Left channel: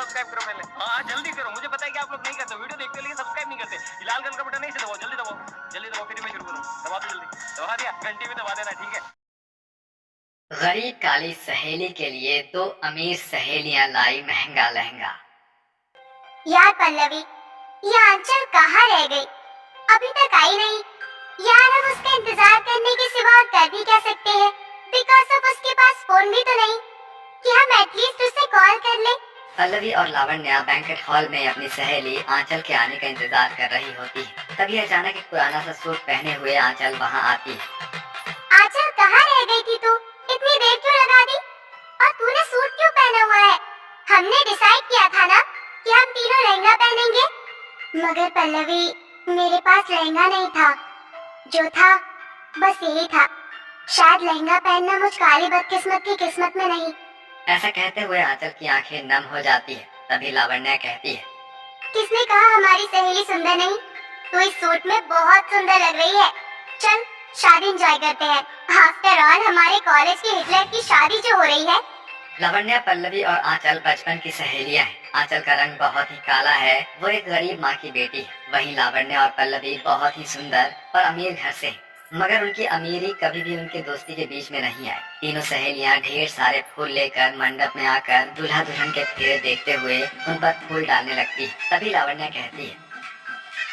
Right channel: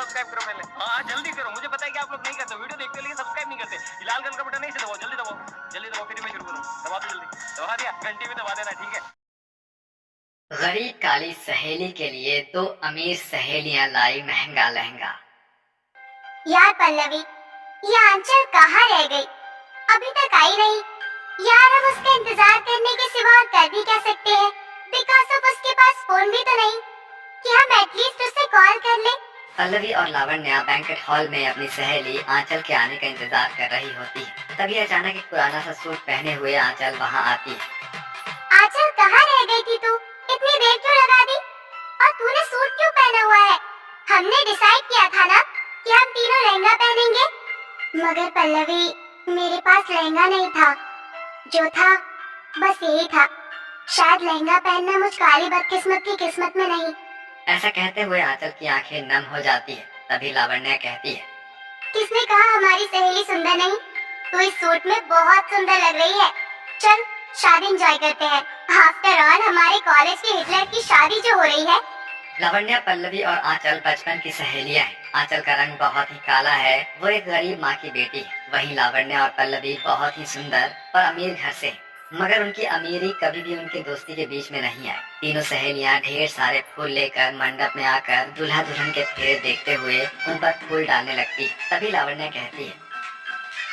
Subscribe करो पहले। हाँ जल्दी करो, मुझे पता है कि आप लोग नहीं करते, वीडियो देखते हो लेकिन सब्सक्राइब नहीं करते। लाल कलर का बटन नहीं से दबाओ, जल्दी दबाओ, जल्दी दबाओ, फिर मैं शुरू करूँ। दबा दो जल्दी, दबा दिया, घंटी भी दबा देना, ठीक है। गरीब काली सहेली के लिए दो अमीर सहेलियां लाई महंगा लहंगा। यार पल्लवी, ये आंचल कहाँ रह गई? अभी तक आई नहीं। यार हम उसका इंतजार करने के सिवा और कर भी क्या सकते हैं? बिकॉज अब उसके पास फोन भी तो नहीं कि हम एटलीस्ट उससे कॉल कर ले। पल्लवी और लावण्या बैंकेट हॉल में अपनी सहेली आंचल के आने का इंतजार कर रही होती है। तभी अचानक एक पुराना सा सूट पहने हुए आंचल वहां आती है। आंचल कहाँ रह गई थी तू? इतनी देर क्यों लगा दी? और तूने सूट क्यों पहना हुआ है? हमने डिसाइड किया था ना कि हम तीनों लहंगा पहनेंगे। मगर पल्लवी, मेरे पास लहंगा नहीं था। जो था बस यही था। शायद लहंगा पहनना मुझ काली बदकिस्मत की किस्मत में नहीं। ऐसा कहते हुए आंचल की आंखें नम हो जाती है। तभी लावण्या कहती है, किसने कहा हमारी सहेली सुंदर नहीं? तू इस सूट में बहुत सुंदर लग रही है। चल शादी एंजॉय करते हैं। आफ्टर ऑल हमारे कॉलेज के हिटलर की शादी जो हो रही है। लावण्या, पल्लवी और आंचल बचपन की सहेलियां हैं। आंचल का रंग बहुत ही काला है, वो एक गरीब माँ की बेटी है। वहीं लावण्या और पल्लवी बहुत ही सुंदर और अमीर घर से हैं। मगर उनकी अमीरी कभी भी उनकी दोस्ती के बीच में नहीं आई। तीनों सहेलियां ढेर सारे फूल लेकर मंडप में आकर दूल्हा दुल्हन के फेरे देखते हुए उन पर फूल डालने लगती है। तभी लावण्या कहती है,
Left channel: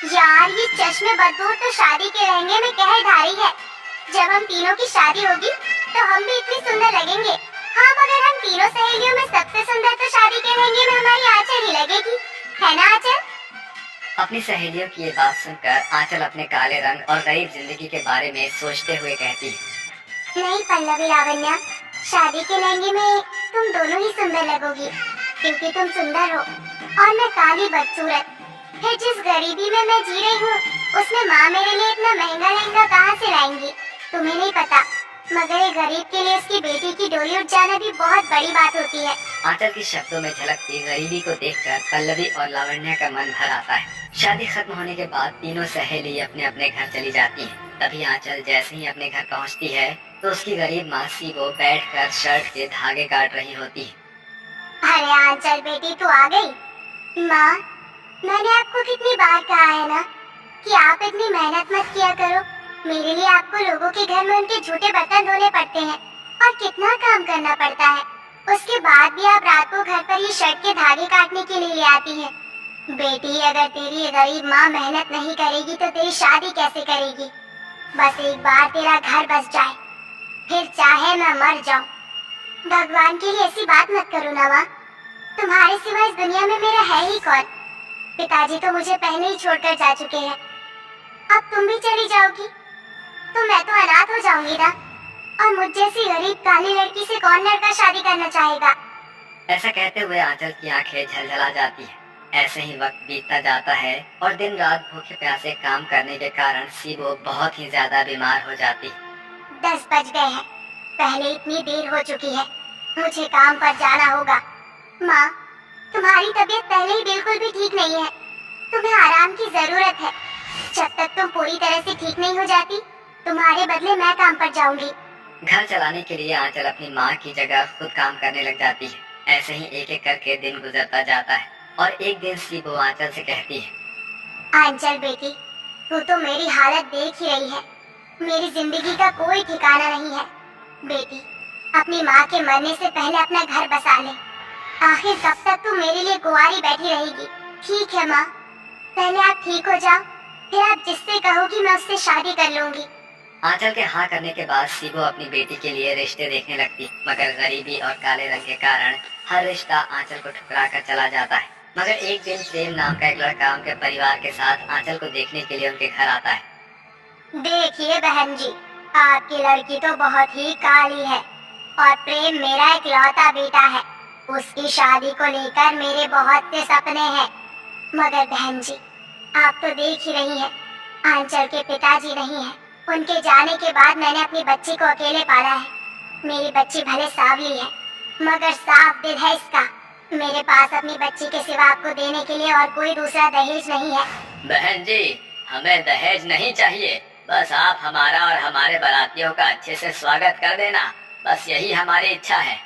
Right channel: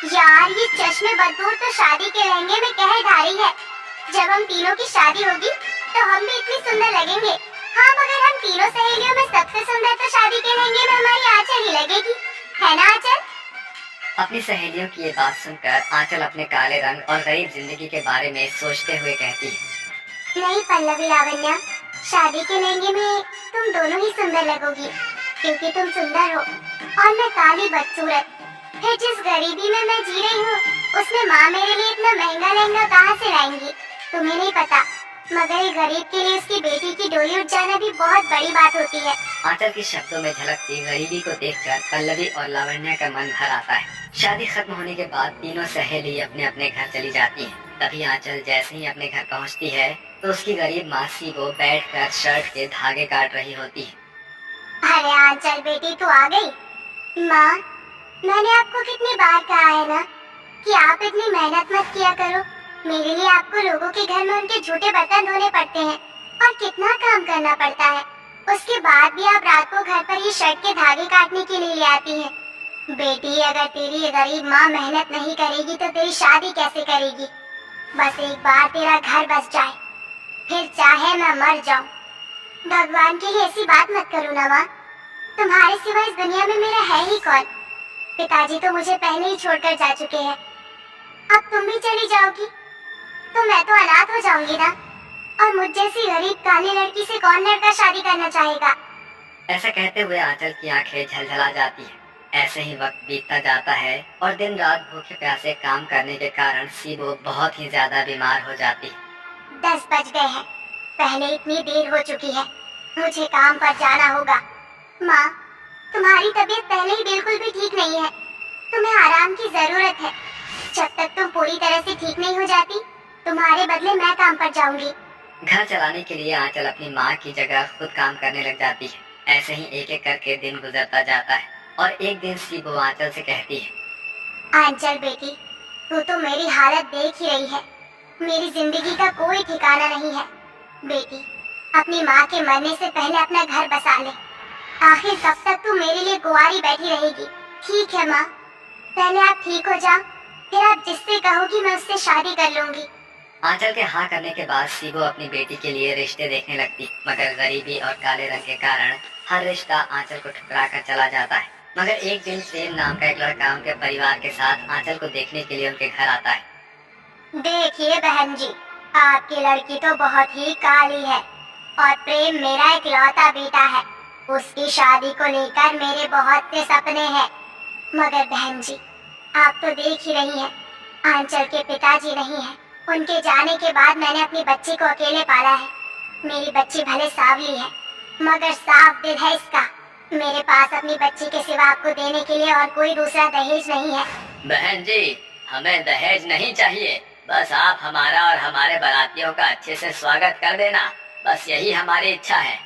यार ये चश्मे बदबू तो शादी के लहंगे में कहर ढा रही है। जब हम तीनों की शादी होगी तो हम भी इतनी सुंदर लगेंगे। हाँ मगर हम तीनों सहेलियों में सबसे सुंदर तो शादी के लहंगे में हमारी आंचल ही लगेगी, है ना आंचल? अपनी सहेलियों की ये बात सुनकर आंचल अपने काले रंग और गरीब जिंदगी के बारे में सोचते हुए कहती है, नहीं पल्लवी लावण्या, शादी के लहंगे में तुम दोनों ही सुंदर लगोगी क्योंकि तुम सुंदर हो और मैं काली बदसूरत। फिर जिस गरीबी में मैं जी रही हूँ उसमें माँ मेरे लिए इतना महंगा लहंगा कहाँ से लाएंगी? तुम्हें नहीं पता, मगर एक गरीब के लिए उसकी बेटी की डोली उठ जाना भी बहुत बड़ी बात होती है। आंचल के शब्दों में झलकती गरीबी को देखकर पल्लवी और लावण्या का मन भर आता है। शादी खत्म होने के बाद तीनों सहेली अपने अपने घर चली जाती हैं। तभी आंचल जैसे ही अपने घर पहुंचती है तो उसकी गरीब मासी वो बैठकर शर्ट के धागे काट रही होती है। अरे आंचल बेटी तू आ गई। माँ, मैंने आपको कितनी बार कहा है ना कि आप इतनी मेहनत मत किया करो। मेरे लिए आपको लोगों के घर में उनके झूठे बर्तन धोने पड़ते हैं और कितना काम करना पड़ता है। उसके बाद भी आप रात को घर पर ये शर्ट के धागे काटने के लिए ले आती हैं। बेटी, अगर तेरी ये गरीब माँ मेहनत नहीं करेगी तो तेरी शादी कैसे करेगी? बस एक बार तेरा घर बस जाए, फिर चाहे मैं मर जाऊं। भगवान के लिए ऐसी बात मत करो ना माँ। तुम्हारे सिवा इस दुनिया में मेरा है ही कौन? पिताजी तो मुझे पहले ही छोड़कर जा चुके हैं। अब तुम भी चली जाओगी तो मैं तो अनाथ हो जाऊंगी ना। और मुझ जैसी गरीब काली लड़की से कौन लड़का शादी करना चाहेगा? ऐसा कहते हुए आंचल की आंखें झलझला जाती है। ऐसे ही वक्त बीतता जाता है और दिन रात भूखे प्यासे काम करने के कारण सीबो बहुत ही ज्यादा बीमार हो जाती है। 10 बज गए हैं, पहले इतनी देर हो चुकी है, मुझे काम पर जाना होगा। माँ, तुम्हारी तबीयत पहले ही बिल्कुल भी ठीक नहीं है, तुम्हें आराम की जरूरत है। जब तक तुम पूरी तरह से ठीक नहीं हो जाती, तुम्हारे बदले मैं काम पर जाऊंगी। घर चलाने के लिए आंचल अपनी माँ की जगह खुद काम करने लग जाती है। ऐसे ही एक एक करके दिन गुजरता जाता है और एक दिन सीबो आंचल से कहती है, आंचल बेटी, तू तो मेरी हालत देख ही रही है। मेरी जिंदगी का कोई ठिकाना नहीं है। बेटी, अपनी माँ के मरने से पहले अपना घर बसा ले। आखिर कब तक तू मेरे लिए गुआरी बैठी रहेगी? ठीक है माँ, पहले आप ठीक हो जाओ, फिर आप जिससे कहोगी मैं उससे शादी कर लूंगी। आंचल के हाँ करने के बाद सीबो अपनी बेटी के लिए रिश्ते देखने लगती, मगर गरीबी और काले रंग के कारण हर रिश्ता आंचल को ठुकरा कर चला जाता है। मगर एक दिन प्रेम नाम का एक लड़का उनके परिवार के साथ आंचल को देखने के लिए उनके घर आता है। देखिए बहन जी, आपकी लड़की तो बहुत ही काली है और प्रेम मेरा एक लौता बेटा है। उसकी शादी को लेकर मेरे बहुत से सपने हैं। मगर बहन जी, आप तो देख ही रही हैं, आंचल के पिताजी नहीं हैं। उनके जाने के बाद मैंने अपनी बच्ची को अकेले पाला है। मेरी बच्ची भले सांवली है, मगर साफ दिल है इसका। मेरे पास अपनी बच्ची के सिवा आपको देने के लिए और कोई दूसरा दहेज नहीं है। बहन जी, हमें दहेज नहीं चाहिए, बस आप हमारा और हमारे बारातियों का अच्छे से स्वागत कर देना, बस यही हमारी इच्छा है।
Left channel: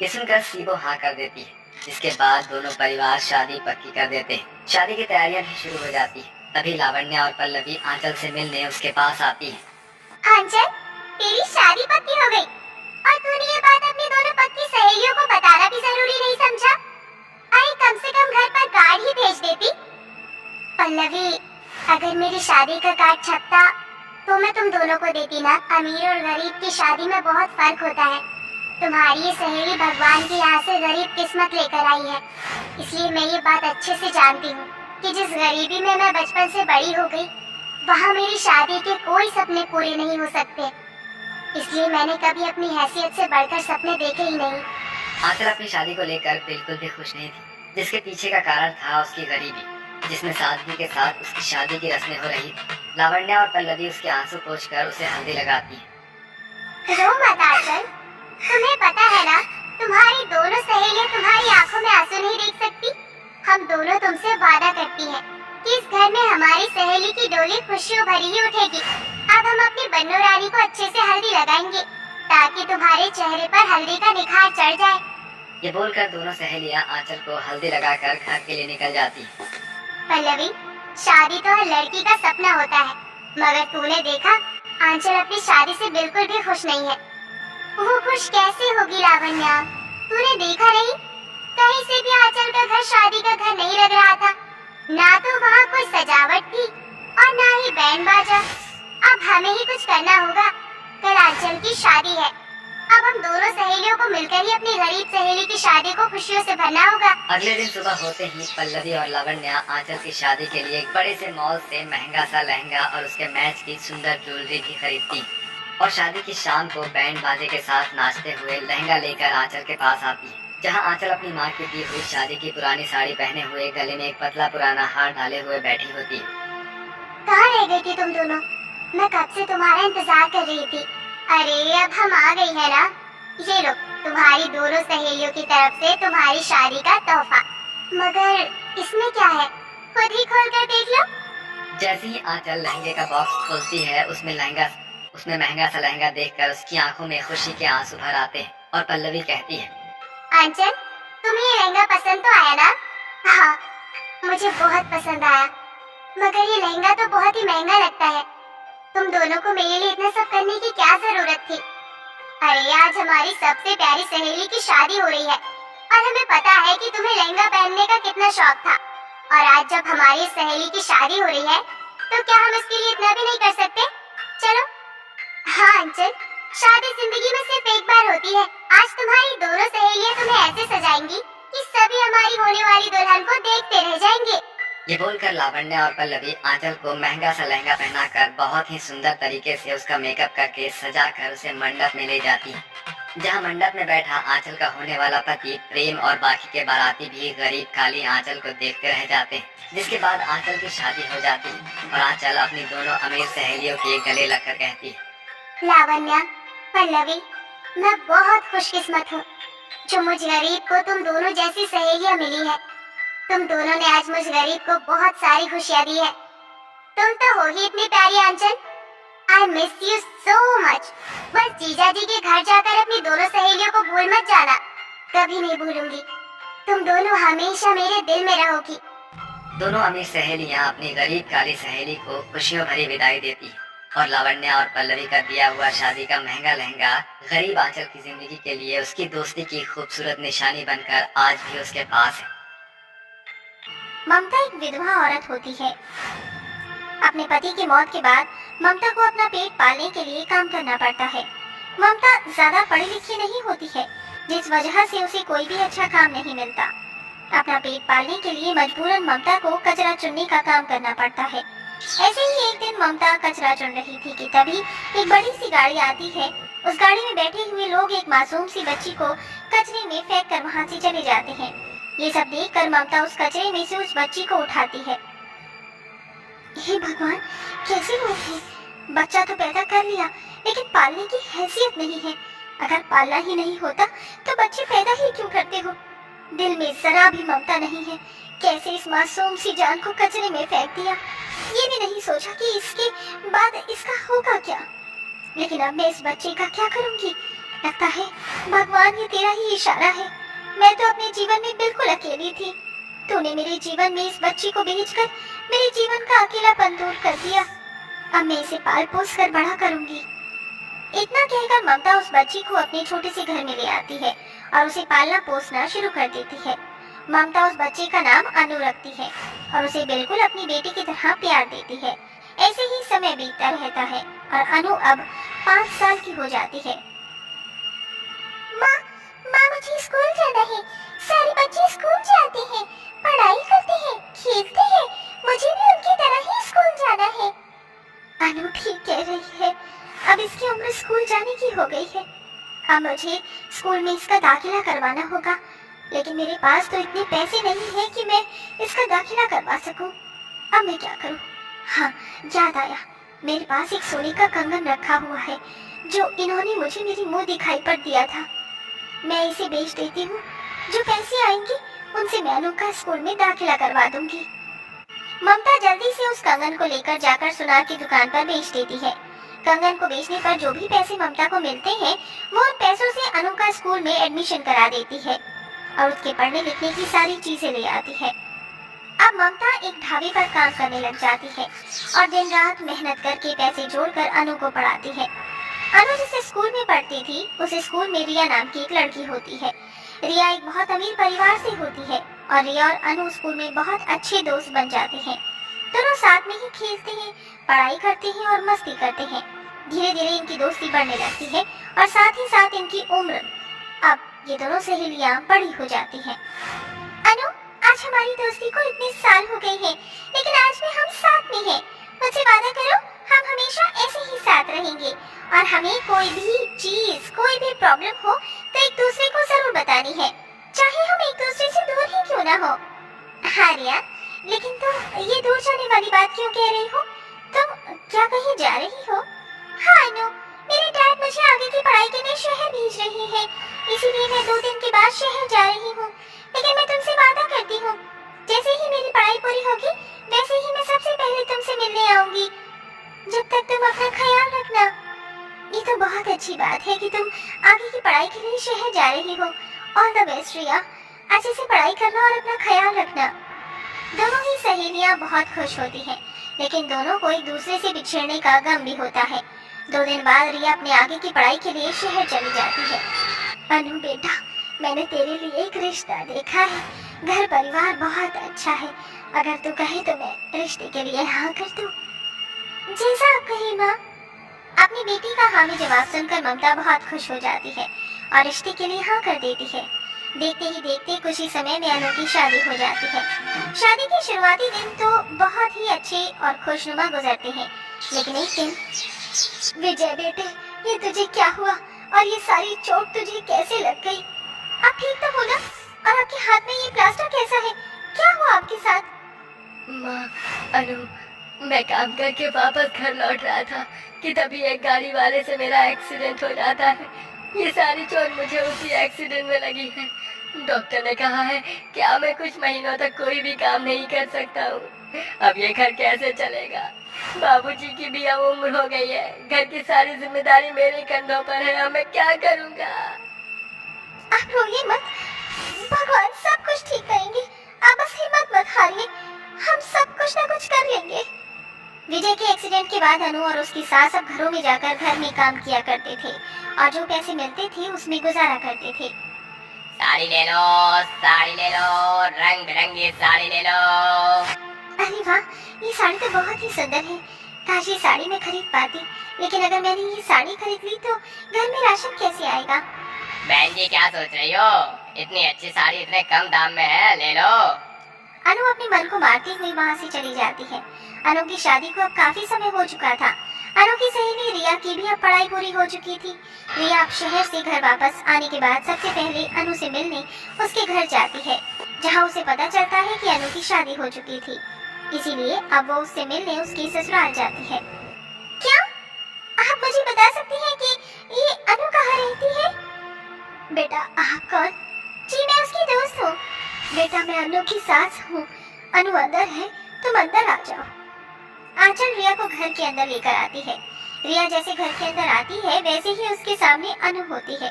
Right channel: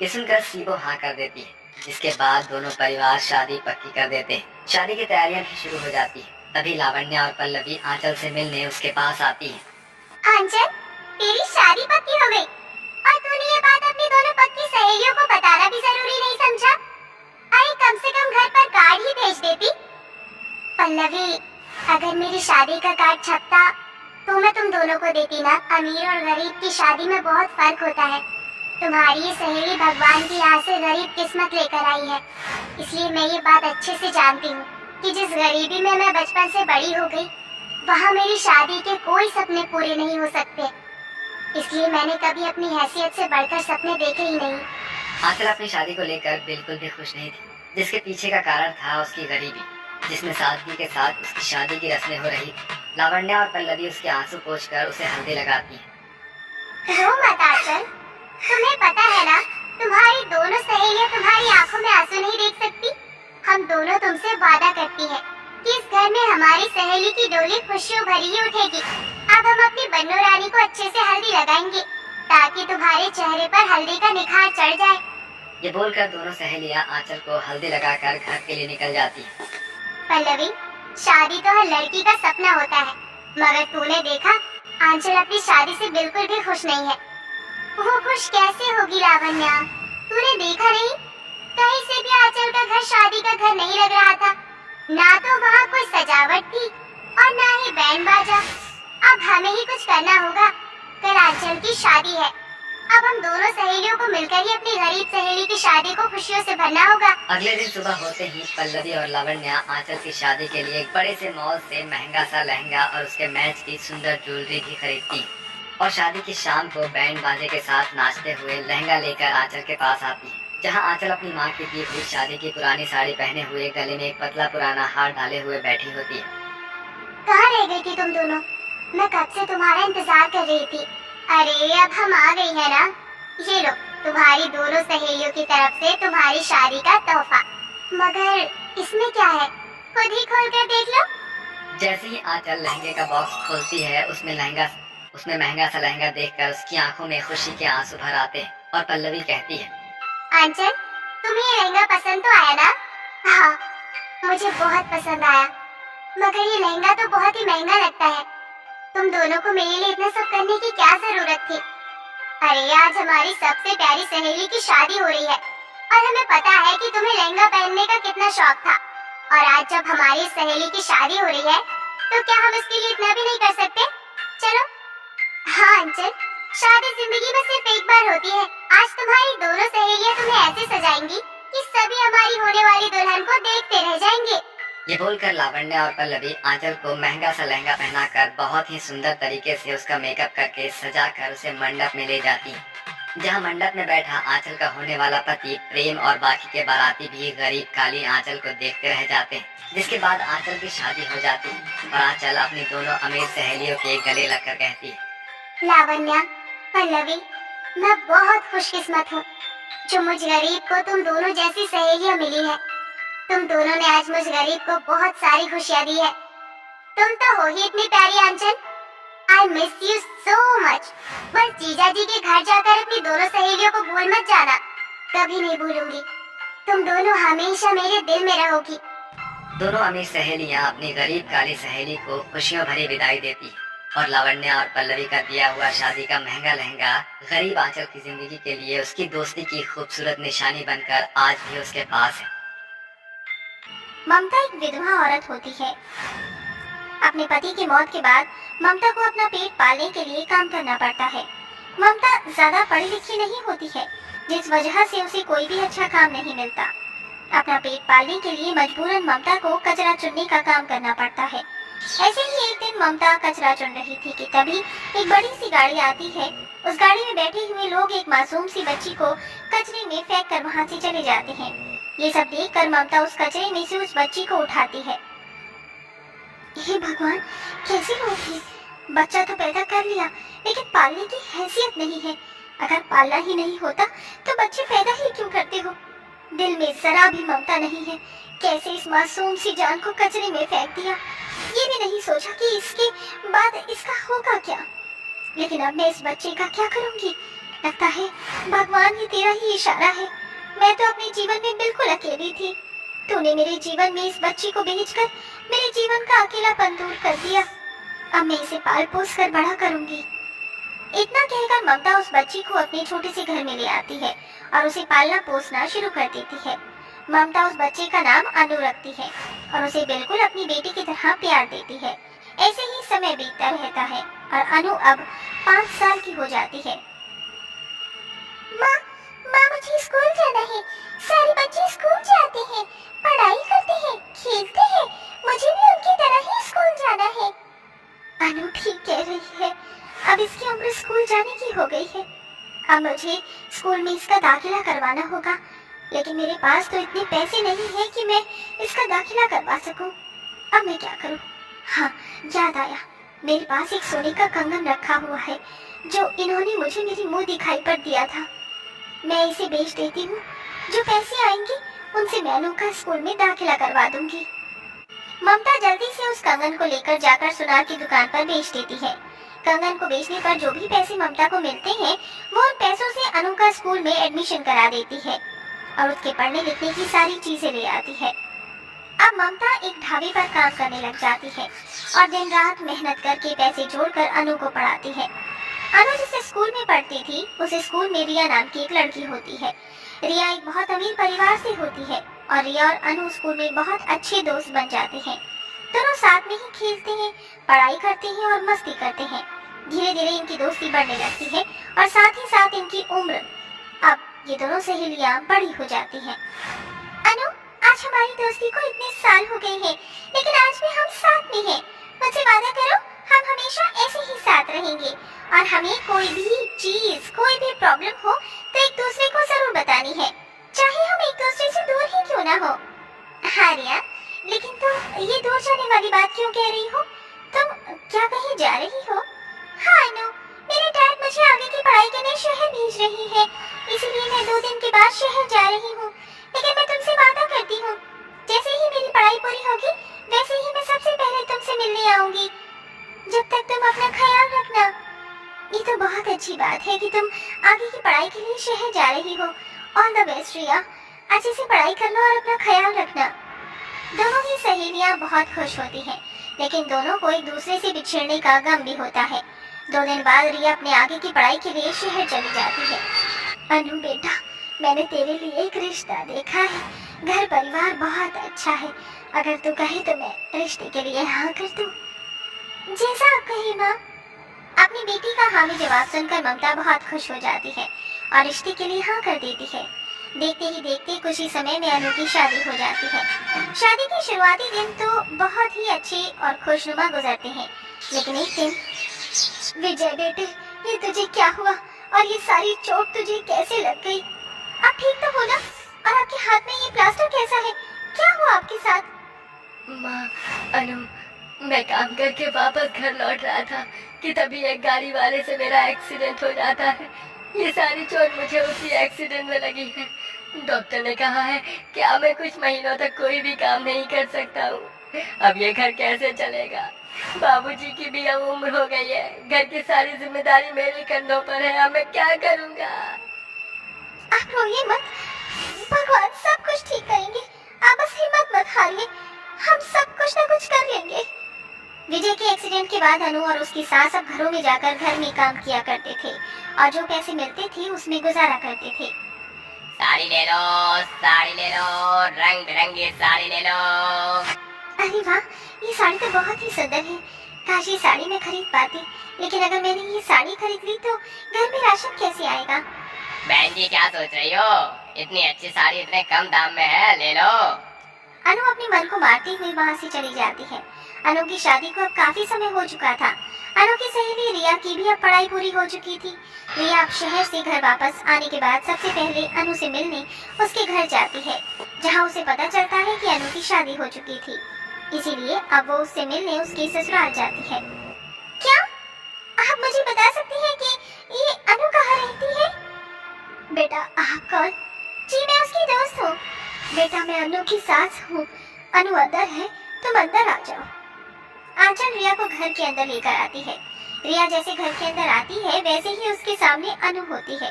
ये सुनकर सीबो हाँ कर देती है। जिसके बाद दोनों परिवार शादी पक्की कर देते हैं। शादी की तैयारियां भी शुरू हो जाती है। तभी लावण्य और पल्लवी आंचल से मिलने उसके पास आती है। आंचल, तेरी शादी पक्की हो गई और तूने ये बात अपनी दोनों पक्की सहेलियों को बताना भी जरूरी नहीं समझा? अरे कम से कम घर पर कार्ड ही भेज देती। पल्लवी, अगर मेरी शादी का कार्ड छपता तो मैं तुम दोनों को देती ना। अमीर और गरीब की शादी में बहुत फर्क होता है। तुम्हारी ये सहेली भगवान के यहाँ से गरीब किस्मत लेकर आई है, इसलिए मैं ये बात अच्छे से जानती हूँ कि जिस गरीबी में मैं बचपन से बड़ी हो गई, वहाँ मेरी शादी के कोई सपने पूरे नहीं हो सकते। इसलिए मैंने कभी अपनी हैसियत से बढ़कर सपने देखे ही नहीं। आंचल अपनी शादी को लेकर बिल्कुल भी खुश नहीं थी, जिसके पीछे का कारण था उसकी गरीबी, जिसमें सादगी के साथ उसकी शादी की रस्में हो रही थी। लावण्य और पल्लवी उसके आंसू पोंछकर उसे हल्दी लगाती है। रो मत आंचल, तुम्हें पता है ना, तुम्हारी दोनों सहेलियां तुम्हारी आंखों में आंसू नहीं देख सकती। हम दोनों तुमसे वादा करती हैं कि इस घर में हमारी सहेली की डोली खुशियों भरी ही उठेगी। अब हम अपनी बन्नू रानी को अच्छे से हल्दी लगाएंगे ताकि तुम्हारे चेहरे पर हल्दी का निखार चढ़ जाए। ये बोलकर दोनों सहेलियां आंचल को हल्दी लगाकर घर के लिए निकल जाती है। पल्लवी, शादी तो हर लड़की का सपना होता है, मगर तूने देखा आंचल अपनी शादी से बिल्कुल भी खुश नहीं है। वो खुश कैसे होगी लावण्या? तूने देखा नहीं, कहीं से भी आंचल का घर शादी का घर नहीं लग रहा था। ना तो वहाँ कोई सजावट थी और ना ही बैंड बाजा। अब हमें ही कुछ करना होगा। कल आंचल की शादी है, अब हम दोनों सहेलियों को मिलकर ही अपनी गरीब सहेली की शादी को खुशियों से भरना होगा। अगले दिन सुबह होते ही पल्लवी और लावण्य आंचल की शादी के लिए एक बड़े से मॉल से महंगा सा लहंगा और उसके मैच की सुंदर ज्वेलरी भी खरीदती और शादी की शाम को बैंड बाजे के साथ नाचते हुए लहंगा लेकर आंचल के पास आती है, जहां आंचल अपनी माँ की दी हुई शादी की पुरानी साड़ी पहने हुए गले में एक पतला पुराना हार डाले हुए बैठी होती है। कहाँ रह गई थी तुम दोनों? मैं कब से तुम्हारा इंतजार कर रही थी। अरे अब हम आ गई है ना। ये लो, तुम्हारी दोनों सहेलियों की तरफ से तुम्हारी शादी का तोहफा। मगर इसमें क्या है, खुद ही खोल कर देख लो। जैसे ही आंचल लहंगे का बॉक्स खोलती है, उसमें महंगा सा लहंगा देखकर उसकी आंखों में खुशी के आंसू भर आते हैं और पल्लवी कहती है, आंचल, तुम्हें ये लहंगा पसंद तो आया ना? हाँ, मुझे बहुत पसंद आया, मगर ये लहंगा तो बहुत ही महंगा लगता है। तुम दोनों को मेरे लिए इतना सब करने की क्या जरूरत थी? अरे आज हमारी सबसे प्यारी सहेली की शादी हो रही है और हमें पता है कि तुम्हें लहंगा पहनने का कितना शौक था। और आज जब हमारी सहेली की शादी हो रही है तो क्या हम इसके लिए इतना भी नहीं कर सकते? चलो। हाँ अंचल, शादी जिंदगी में सिर्फ एक बार होती है। आज तुम्हारी दोनों सहेलियां तुम्हें ऐसे सजाएंगी कि सभी हमारी होने वाली दुल्हन को देखते रह जाएंगे। ये बोलकर लावण्य और पल्लवी आंचल को महंगा सा लहंगा पहनाकर बहुत ही सुंदर तरीके से उसका मेकअप करके सजाकर उसे मंडप में ले जाती है, जहाँ मंडप में बैठा आंचल का होने वाला पति प्रेम और बाकी के बाराती भी गरीब काली आंचल को देखते रह जाते हैं। जिसके बाद आंचल की शादी हो जाती है और आंचल अपनी दोनों अमीर सहेलियों के गले लगकर कहती है, लावण्या, पल्लवी, मैं बहुत खुशकिस्मत हूँ जो मुझ गरीब को तुम दोनों जैसी सहेलियाँ मिली है। तुम दोनों ने आज मुझ गरीब को बहुत सारी खुशियाँ दी है। तुम तो हो ही इतनी प्यारी आंचल। I miss you so much। बस जीजा जी के घर जाकर अपनी दोनों सहेलियों को भूल मत जाना। कभी नहीं भूलूंगी। तुम दोनों हमेशा मेरे दिल में रहोगी। दोनों अमीर सहेलियां अपनी गरीब काली सहेली को खुशियों भरी विदाई देती है और लावण्य और पल्लवी का दिया हुआ शादी का महंगा लहंगा गरीब आंचल की जिंदगी के लिए उसकी दोस्ती की खूबसूरत निशानी बनकर आज भी उसके पास है। ममता एक विधवा औरत होती है। अपने पति की मौत के बाद ममता को अपना पेट पालने के लिए काम करना पड़ता है। ममता ज्यादा पढ़ी लिखी नहीं होती है, जिस वजह से उसे कोई भी अच्छा काम नहीं मिलता। अपना पेट पालने के लिए मजबूरन ममता को कचरा चुनने का काम करना पड़ता है। ऐसे ही एक दिन ममता कचरा चुन रही थी कि तभी एक बड़ी सी गाड़ी आती है। उस गाड़ी में बैठे हुए लोग एक मासूम सी बच्ची को कचरे में फेंक कर वहाँ से चले जाते हैं। ये सब देखकर ममता उस कचरे में से उस बच्ची को उठाती है। हे भगवान, कैसे लोग हैं? बच्चा तो पैदा कर लिया, लेकिन पालने की हैसियत नहीं है। अगर पालना ही नहीं होता तो बच्चे पैदा ही क्यों करते हो? दिल में जरा भी ममता नहीं है। कैसे इस मासूम सी जान को कचरे में फेंक दिया? ये भी नहीं सोचा कि इसके बाद इसका होगा क्या। लेकिन अब मैं इस बच्चे का क्या करूंगी? लगता है भगवान, ये तेरा ही इशारा है। मैं तो अपने जीवन में बिल्कुल अकेली थी। तूने मेरे जीवन में इस बच्ची को भेजकर मेरे जीवन का अकेलापन दूर कर दिया। अब मैं इसे पाल पोस कर बड़ा करूंगी। इतना कहकर ममता उस बच्ची को अपने छोटे से घर में ले आती है और उसे पालना पोसना शुरू कर देती है। ममता उस बच्चे का नाम अनु रखती है और उसे बिल्कुल अपनी बेटी की तरह प्यार देती है। ऐसे ही समय बीतता रहता है और अनु अब 5 साल की हो जाती है। माँ मुझे स्कूल जाना है। सारे बच्चे स्कूल जाते हैं, पढ़ाई करते हैं, खेलते हैं। मुझे भी उनकी तरह ही स्कूल जाना है। अनु ठीक कह रही है। अब इसकी उम्र स्कूल जाने की हो गई है। अब मुझे स्कूल में इसका दाखिला करवाना होगा, लेकिन मेरे पास तो इतने पैसे नहीं है कि मैं इसका दाखिला करवा सकूं। अब मैं क्या करूं? हाँ, याद आया, मेरे पास एक सोने का कंगन रखा हुआ है जो इन्होंने मुझे मेरी मुंह दिखाई पर दिया था। मैं इसे बेच देती हूँ। जो पैसे आएंगे उनसे मैं अनु का स्कूल में दाखिला करवा दूंगी। ममता जल्दी से उस कंगन को लेकर जाकर सुनार की दुकान पर बेच देती है। कंगन को बेचने पर जो भी पैसे ममता को मिलते हैं वो उन पैसों से अनु का स्कूल में एडमिशन करा देती है और उसके पढ़ने लिखने की सारी चीजें ले आती है। अब ममता एक ढाबे पर काम करने लग जाती है और दिन रात मेहनत करके पैसे जोड़कर अनु को पढ़ाती है। अनु जिस स्कूल में पढ़ती थी उस स्कूल में रिया नाम की एक लड़की होती है। रिया एक बहुत अमीर परिवार से होती है और रिया और अनु स्कूल में बहुत अच्छे दोस्त बन जाते हैं। दोनों साथ में ही खेलते हैं, पढ़ाई करते हैं और मस्ती करते हैं। धीरे धीरे इनकी दोस्ती बढ़ने लगती है और साथ ही साथ इनकी उम्र, अब ये दोनों सहेलियां बड़ी हो जाती हैं। अनु, आज हमारी दोस्ती को इतने साल हो गए हैं, लेकिन आज भी हम साथ में हैं। मुझसे वादा करो हम हमेशा ऐसे ही साथ रहेंगे और हमें कोई भी चीज, कोई भी प्रॉब्लम हो तो एक दूसरे को जरूर बतानी है, चाहे हम एक दूसरे से दूर ही क्यों ना हो। हाँ रिया, लेकिन तुम ये दूर जाने वाली बात क्यों कह रही हो? तुम क्या कहीं जा रही हो? हाँ अनु, मेरे डैड मुझे आगे की पढ़ाई के लिए शहर भेज रही है, इसीलिए मैं 2 दिन के बाद शहर जा रही हूँ। लेकिन मैं तुमसे वादा करती हूँ, जैसे ही मेरी पढ़ाई पूरी होगी वैसे ही मैं सबसे पहले तुमसे मिलने आऊंगी। जब तक तुम अपना ख्याल रखना। ये तो बहुत अच्छी बात है कि तुम आगे की पढ़ाई के लिए शहर जा रही हो। ऑल द बेस्ट रिया, अच्छे से पढ़ाई करना और अपना ख्याल रखना। दोनों ही सहेलियां बहुत खुश होती हैं, लेकिन दोनों को एक दूसरे से बिछड़ने का गम भी होता है। 2 दिन बाद रिया अपने आगे की पढ़ाई के लिए शहर चली जाती है। अनु बेटा, मैंने तेरे लिए एक रिश्ता देखा है। घर परिवार बहुत अच्छा है। अगर तू कहे तो मैं रिश्ते के लिए हाँ कर दूं। जैसा आप कहे माँ। अपनी बेटी का हाँ में जवाब सुनकर ममता बहुत खुश हो जाती है और रिश्ते के लिए हाँ कर देती है। देखते ही देखते कुछ ही समय में अनु की शादी हो जाती है। शादी के शुरुआती दिन तो बहुत ही अच्छे और खुशनुमा गुजरते हैं, लेकिन एक दिन, विजय बेटे, ये तुझे क्या हुआ और ये सारी चोट तुझे कैसे लग गई? आप ठीक तो हो ना? और आपके हाथ में ये प्लास्टर कैसा है? क्या हुआ आपके साथ? माँ, अनु, मैं काम करके वापस घर लौट रहा था कि तभी एक गाड़ी वाले से मेरा एक्सीडेंट हो जाता है। ये सारी चोट मुझे उसी एक्सीडेंट में लगी है। डॉक्टर ने कहा है कि अब मैं कुछ महीनों तक कोई भी काम नहीं कर सकता हूँ। अब ये घर कैसे चलेगा? बाबूजी की भी अब उम्र हो गई है। घर की सारी जिम्मेदारी मेरे कंधों पर है। अब मैं क्या करूँगा? आप रोइए मत, भगवान सब कुछ ठीक करेंगे। आप बस हिम्मत मत हारिए, हम सब कुछ ना कुछ कर लेंगे। विजय के एक्सीडेंट के बाद अनु और उसकी सास अब घरों में जाकर घर में काम किया करते थे और जो पैसे मिलते थे उसमें गुजारा करते थे। साड़ी ले लो, साड़ी ले लो, रंग बिरंगी साड़ी ले लो। अरे वाह, ये साड़ी तो बहुत ही सुंदर है। काश ये साड़ी मैं खरीद पाती, लेकिन अगर मैंने ये साड़ी खरीद ली तो घर में राशन कैसे आएगा? बहन जी क्या सोच रही हो? इतनी अच्छी साड़ी इतने कम दाम में है, ले लो। अनु अपने मन को मारती हुई वहाँ से चली जाती है। अनु की शादी को अब काफी समय हो चुका था। अनु की सहेली रिया की भी अब पढ़ाई पूरी हो चुकी थी। रिया अब शहर से घर वापस आने के बाद सबसे पहले अनु से मिलने उसके घर जाती है, जहाँ उसे पता चलता है कि अनु की शादी हो चुकी थी। इसीलिए अब वो उससे मिलने उसके ससुराल जाती है। क्या आप मुझे बता सकती हैं कि ये अनु कहाँ रहती है? बेटा आप कौन? जी मैं उसकी दोस्त हूँ। बेटा मैं अनु की सास हूँ। अनु अंदर है, तुम अंदर आ जाओ। आंचल रिया को घर के अंदर लेकर आती है। रिया जैसे घर के अंदर आती है वैसे ही उसके सामने अनु होती है।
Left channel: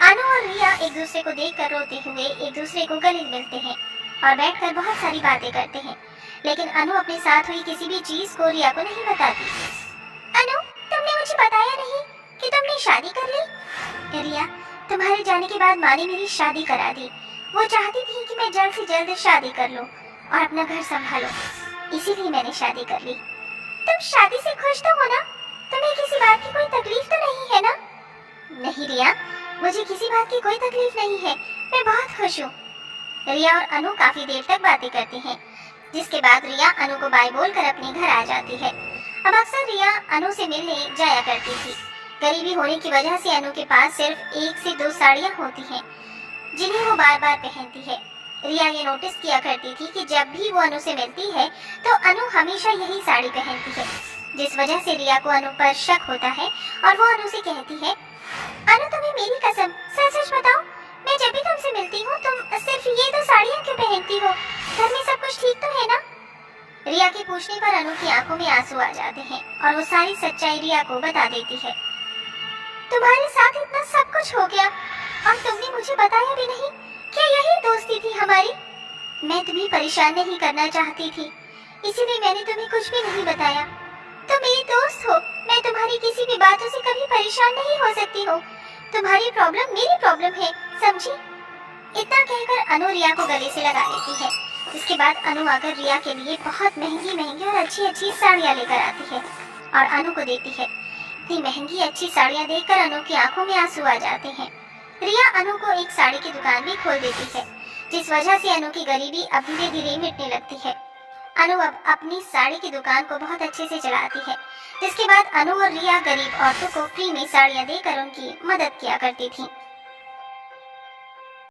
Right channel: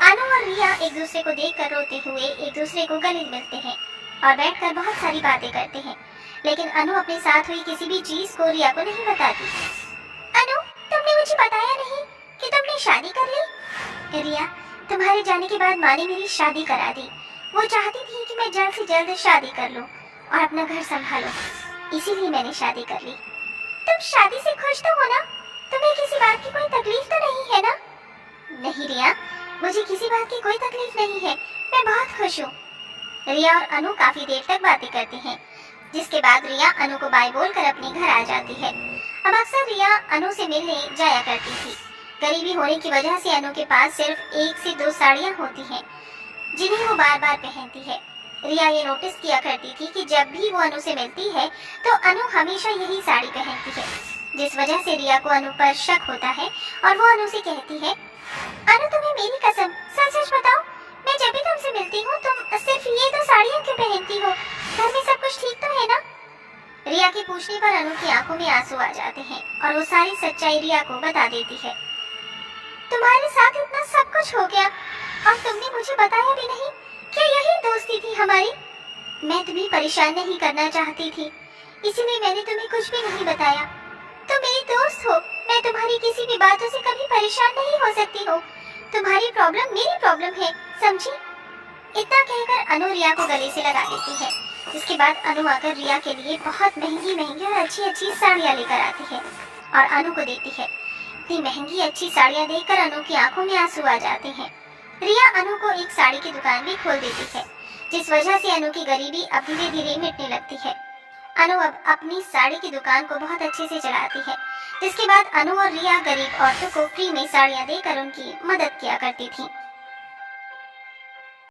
अनु और रिया एक दूसरे को देखकर रोते हुए एक दूसरे को गले मिलते हैं और बैठकर बहुत सारी बातें करते हैं, लेकिन अनु अपने साथ हुई किसी भी चीज को रिया को नहीं बताती। अनु, तुमने मुझे बताया नहीं कि तुमने शादी कर ली। रिया, तुम्हारे जाने के बाद माँ ने मेरी शादी करा दी। वो चाहती थी कि मैं जल्द से जल्द शादी कर लूं और अपना घर संभालूं, इसीलिए मैंने शादी कर ली। तुम शादी से खुश तो हो ना? तुम्हें किसी बात की कोई तकलीफ तो नहीं है ना? नहीं रिया, मुझे किसी बात की कोई तकलीफ नहीं है, मैं बहुत खुश हूँ। रिया और अनु काफी देर तक बातें करती हैं, जिसके बाद रिया अनु को बाय बोलकर अपने घर आ जाती है। अब अक्सर रिया अनु से मिलने जाया करती थी। गरीबी होने की वजह से अनु के पास सिर्फ 1 से 2 साड़ियाँ होती हैं, जिन्हें वो बार बार पहनती है। रिया ये नोटिस किया करती थी कि जब भी वो अनु से मिलती है तो अनु हमेशा यही साड़ी पहनती है, जिस वजह से रिया को अनु पर शक होता है और वो अनु से कहती है, अनु तुम्हें मेरी कसम, सच सच बताओ, मैं जब भी तुमसे मिलती हूँ तुम सिर्फ ये 2 साड़ियाँ क्यों पहनती हो? घर में सब कुछ ठीक तो है ना? रिया के पूछने पर अनु की आंखों में आंसू आ जाते हैं और वो सारी सच्चाई रिया को बता देती है। तुम्हारे साथ इतना सब कुछ हो गया और तुमने मुझे बताया भी नहीं, क्या यही दोस्ती थी हमारी? मैं तुम्हें परेशान नहीं करना चाहती थी, इसीलिए मैंने तुम्हें कुछ भी नहीं बताया। तुम मेरी दोस्त हो, मैं तुम्हारी किसी भी बातों से कभी परेशान नहीं हो सकती हो। तुम्हारी प्रॉब्लम मेरी प्रॉब्लम है, समझी? इतना कहकर अनु रिया को गले से लगा लेती है। इसके बाद अनु आकर रिया के लिए बहुत महंगी महंगी और अच्छी अच्छी साड़ियाँ लेकर आती है और अनु को देती है। इतनी महंगी अच्छी साड़ियाँ देखकर अनु की आंखों में आंसू आ जाते हैं। रिया अनु को एक साड़ी की दुकान भी खोल देती है, जिस वजह से अनु की गरीबी अब धीरे धीरे मिटने लगती है। अनु अब अपनी साड़ी की दुकान को बहुत अच्छे से चलाती है, जिसके बाद अनु और रिया गरीब औरतों को फ्री में साड़ियाँ देकर उनकी मदद किया करती थी।